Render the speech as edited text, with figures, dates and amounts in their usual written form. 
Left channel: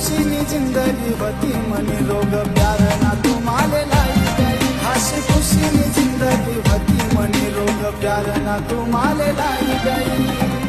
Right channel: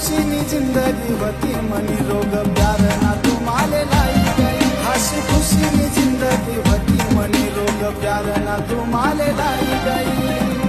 खुशी नी जिंदगी होती मनी रोग प्यार ना तुम्हाले लाई गई हसी खुशी नी जिंदगी होती मनी रोग प्यार ना तुम्हाले लाई गई